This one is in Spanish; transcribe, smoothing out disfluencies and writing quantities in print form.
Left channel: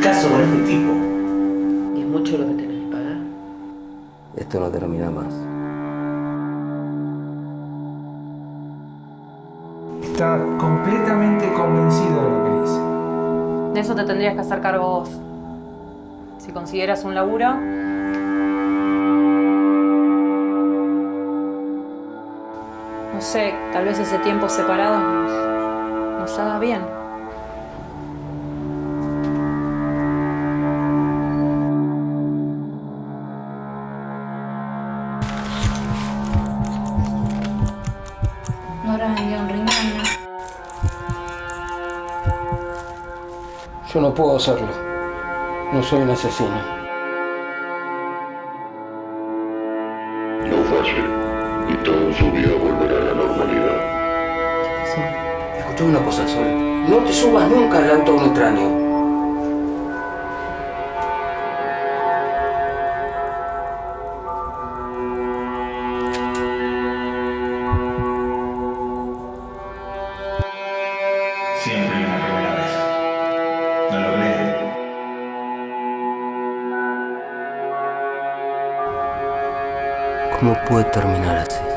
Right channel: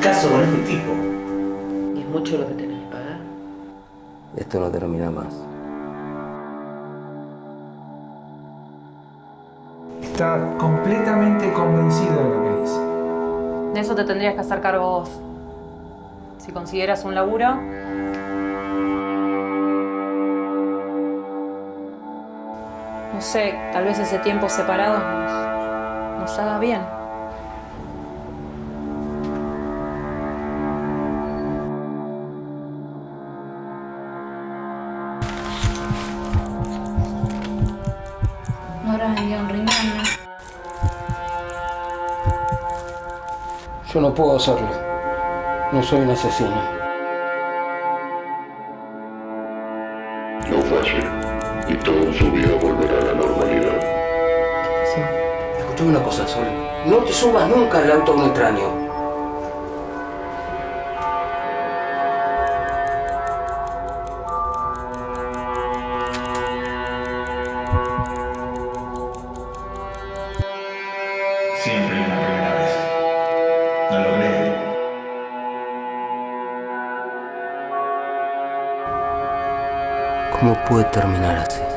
caso con este tipo. ¿Y es mucho lo que tenés que pagar? Esto no termina más. Está completamente convencido de lo que dice. De eso te tendrías que hacer cargo vos. Si consiguieras un laburo, no sé, tal vez ese tiempo separado nos haga bien. No habrás vendido un riñón, ¿no? Yo no puedo hacerlo. No soy un asesino. No fue así. Y todo en su vida volverá a la normalidad. Sí. Escuchame una cosa, Sol. No te subas nunca al auto de un extraño. Siempre hay una primera vez. ¿No lo crees? ¿Cómo puede terminar así?